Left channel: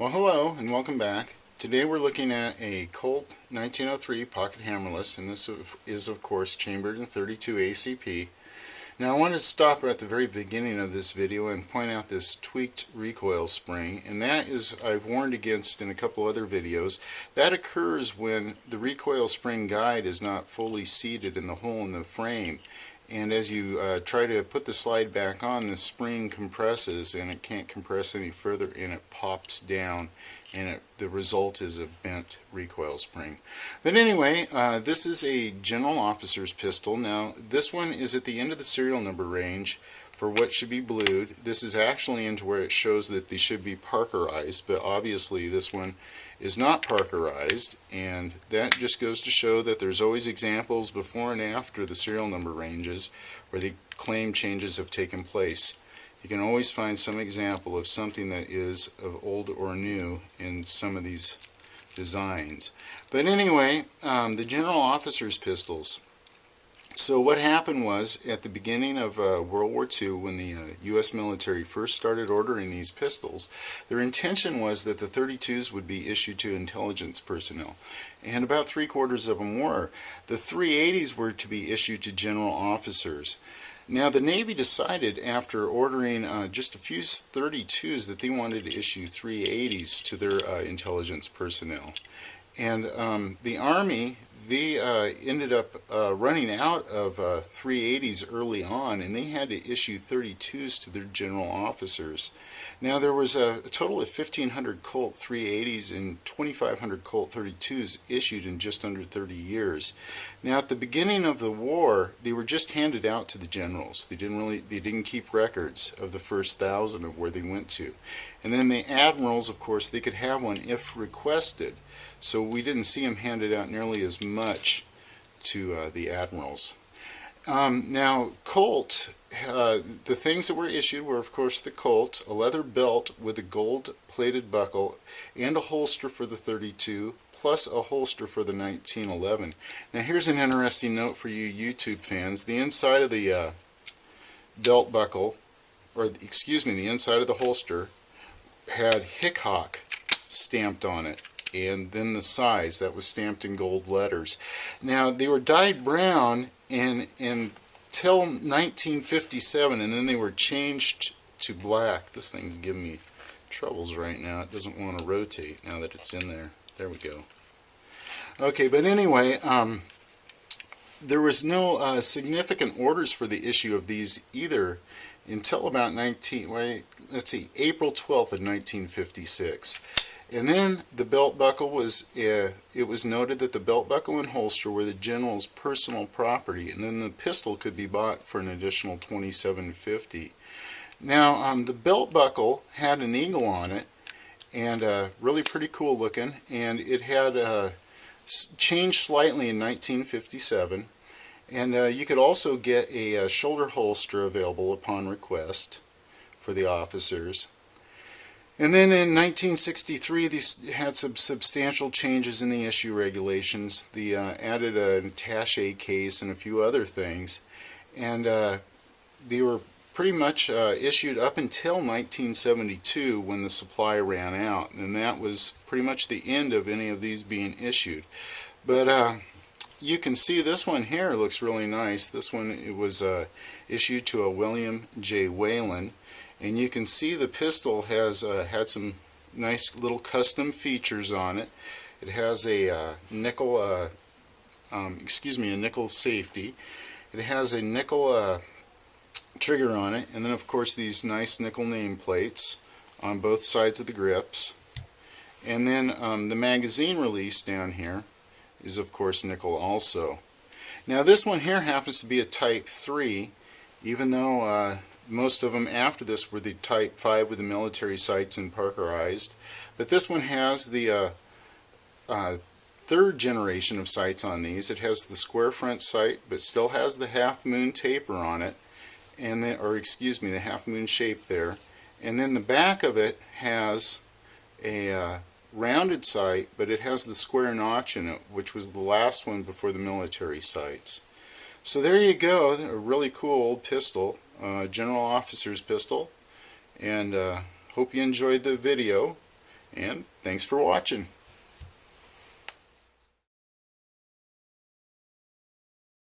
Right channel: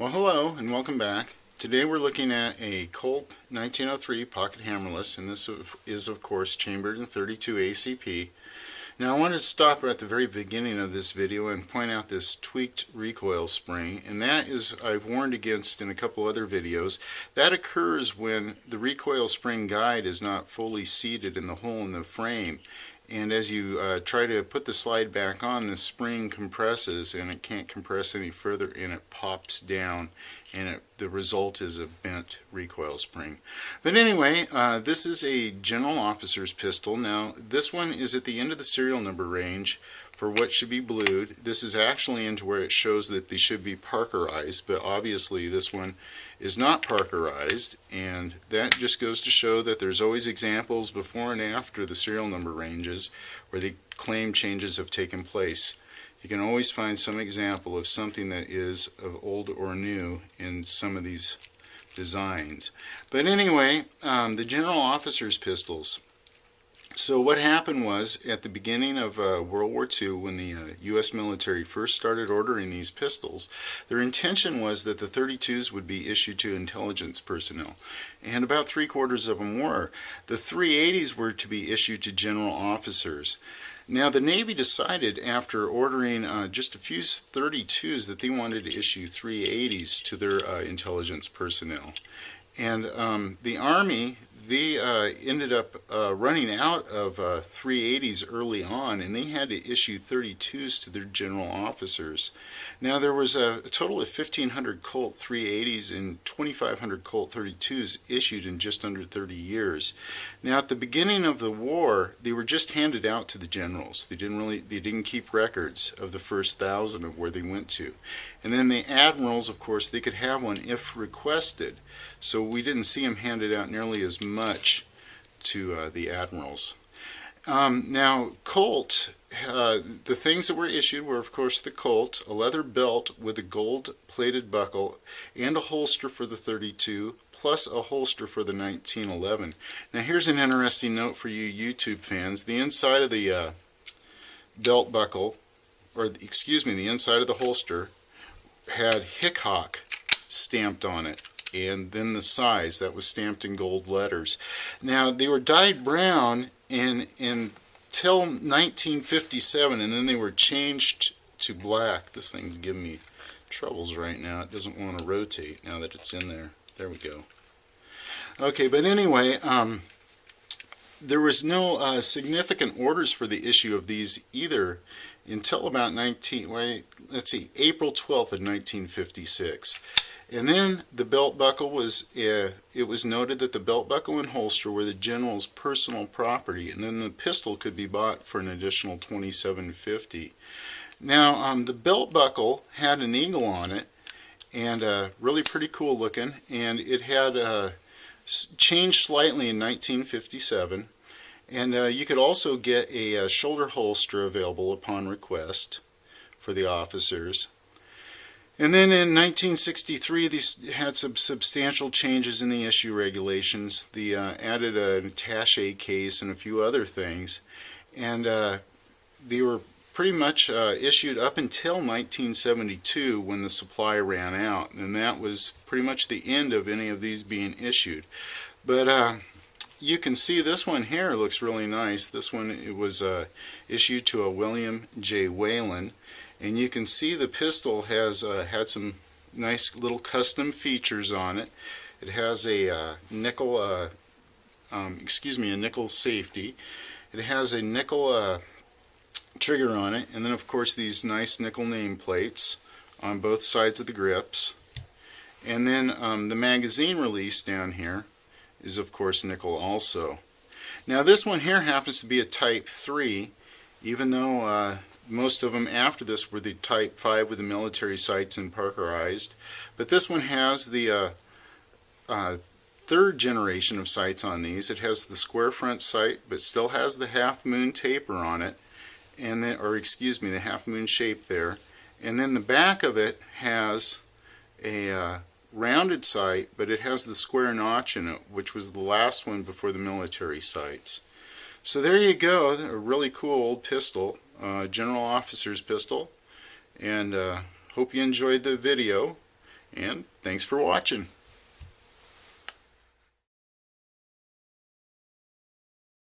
Well, hello and welcome back. Today we're looking at a Colt 1903 Pocket Hammerless, and this is of course chambered in 32 ACP. Now I wanted to stop at the very beginning of this video and point out this tweaked recoil spring, and that is, I've warned against in a couple other videos, that occurs when the recoil spring guide is not fully seated in the hole in the frame. And as you try to put the slide back on, the spring compresses and it can't compress any further and it pops down, and the result is a bent recoil spring. But anyway, this is a general officer's pistol. Now this one is at the end of the serial number range for what should be blued. This is actually into where it shows that they should be Parkerized, but obviously this one is not Parkerized, and that just goes to show that there's always examples before and after the serial number ranges where the claim changes have taken place. You can always find some example of something that is of old or new in some of these designs. But anyway, the general officer's pistols. So what happened was, at the beginning of World War II, when the U.S. military first started ordering these pistols, their intention was that the 32s would be issued to intelligence personnel, and about 3/4 of them were. The 380s were to be issued to general officers. Now the Navy decided, after ordering just a few 32s, that they wanted to issue 380s to their intelligence personnel. And the Army, they ended up running out of 380s early on, and they had to issue 32s to their general officers. Now there was a total of 1,500 Colt 380s and 2,500 Colt 32s issued in just under 30 years. Now at the beginning of the war, they were just handed out to the generals. They didn't keep records of the first 1,000 of where they went to. And then the admirals, of course, they could have one if requested. So we didn't see them handed out nearly as much to the admirals. Now, Colt, the things that were issued were, of course, the Colt, a leather belt with a gold-plated buckle, and a holster for the 32, plus a holster for the 1911. Now, here's an interesting note for you YouTube fans. The inside of the belt buckle, or excuse me, the inside of the holster, had Hickok stamped on it, and then the size that was stamped in gold letters. Now they were dyed brown until 1957, and then they were changed to black. This thing's giving me troubles right now. It doesn't want to rotate now that it's in there. There we go. Okay, but anyway, there was no significant orders for the issue of these either until about April 12th of 1956. And then the belt buckle was, it was noted that the belt buckle and holster were the general's personal property, and then the pistol could be bought for an additional $27.50. Now the belt buckle had an eagle on it, and really pretty cool looking, and it had changed slightly in 1957. And you could also get a shoulder holster available upon request for the officers. And then in 1963, these had some substantial changes in the issue regulations. They added an attaché case and a few other things. And they were pretty much issued up until 1972, when the supply ran out. And that was pretty much the end of any of these being issued. But you can see this one here looks really nice. This one, it was issued to a William J. Whalen. And you can see the pistol has had some nice little custom features on it. It has a nickel, a nickel safety. It has a nickel trigger on it, and then of course these nice nickel nameplates on both sides of the grips. And then the magazine release down here is of course nickel also. Now this one here happens to be a Type 3, even though most of them after this were the Type 5 with the military sights and Parkerized. But this one has the third generation of sights on these. It has the square front sight, but still has the half moon taper on it, and then, or excuse me, the half moon shape there. And then the back of it has a rounded sight, but it has the square notch in it, which was the last one before the military sights. So there you go, a really cool old pistol, general officer's pistol, and hope you enjoyed the video. And thanks for watching.